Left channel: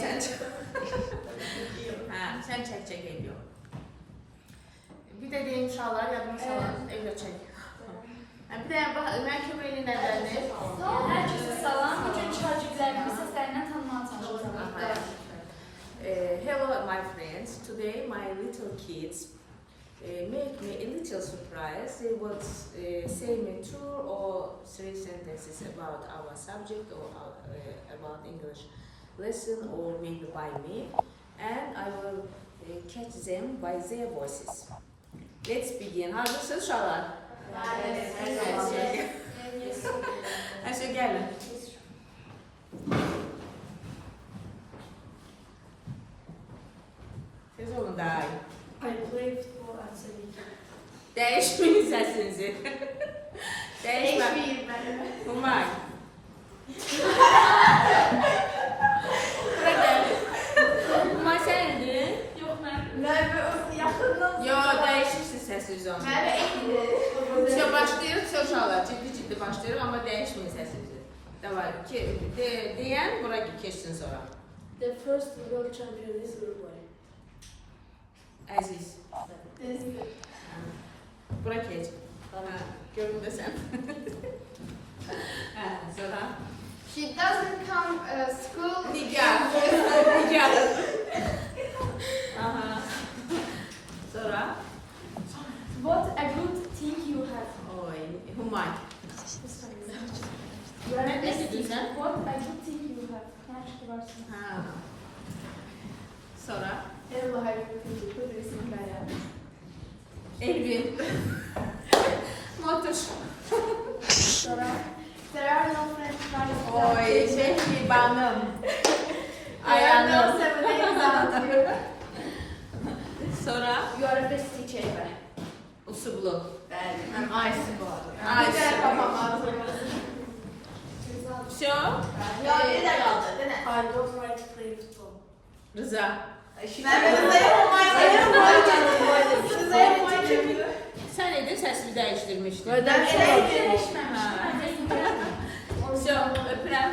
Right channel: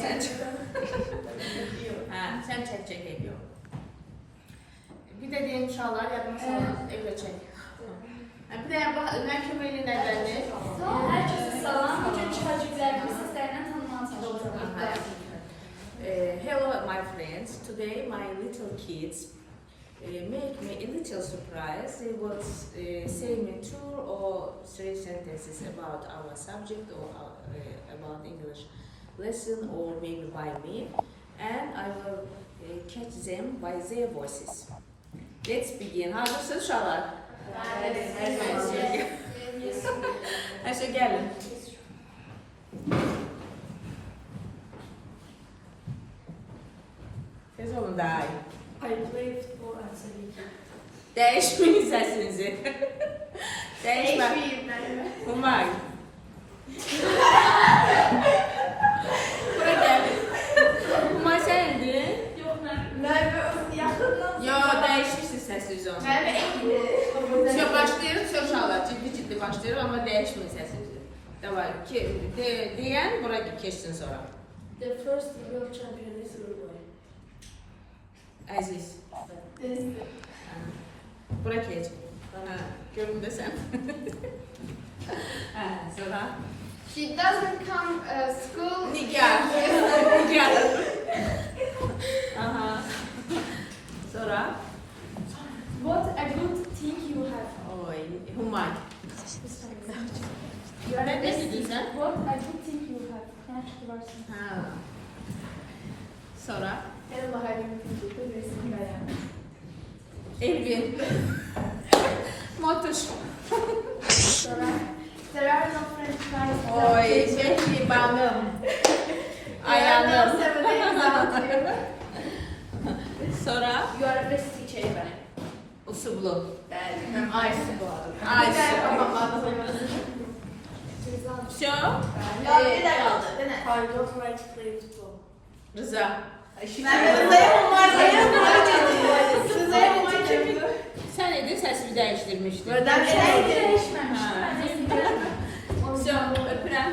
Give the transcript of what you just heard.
Sen çok. Ha, sen çek ediyor. Bir de diyelim şallar yapma şallar evde çek. Bir de məhkəməli nələrdir? Herkese selam. Bütün çocuklarımı sizlerden tanımanız olsun. Hello my friends. Today my little kids make me a little surprise. They will say me 2 or 3 sentences about our subject or about English lesson or maybe by me, and I will catch them by their voices. Let's begin. Hazırsınız uşaqlar? Ayşe gelin. Tez olun daha iyi. I play football and soccer. Değişmeyin sesinizi. Değişme. Umay. Buraya gel. Umay sendir. Yok ben. Yo, değişirsin sesiniz onu. Şey başlayırıq, sözşallar ciddi başlayırıq ama değişmeyin sesinizi. Davay, deyən bura keçsin sonra. The first world champion is Uruguay. Əziz. Bura keç. Görün de sen. Sonra. She doesn't come school. Nigar. Nigar. Aha. Sonra. What a good team you have. Oy, Humay. You are Ne the best dedin team. sen? What a good team you have. Gerçekten varsın. Ha. Sonra. Benim mahallemin çocuklu resim ben. Elvin. Motor. Sonra. There are no French fries. Oy, Behri Banım. Ayağım. Sonra. You are the best teacher ever. Usublu. Ben Aysu bu arada. Aysu. Все? Ya bir de kaldı değil mi? I don't like to play football. Rıza. Sen edin sesini değiştirmiştin. Ben değişmemiş. Ha. Все, öpürəm.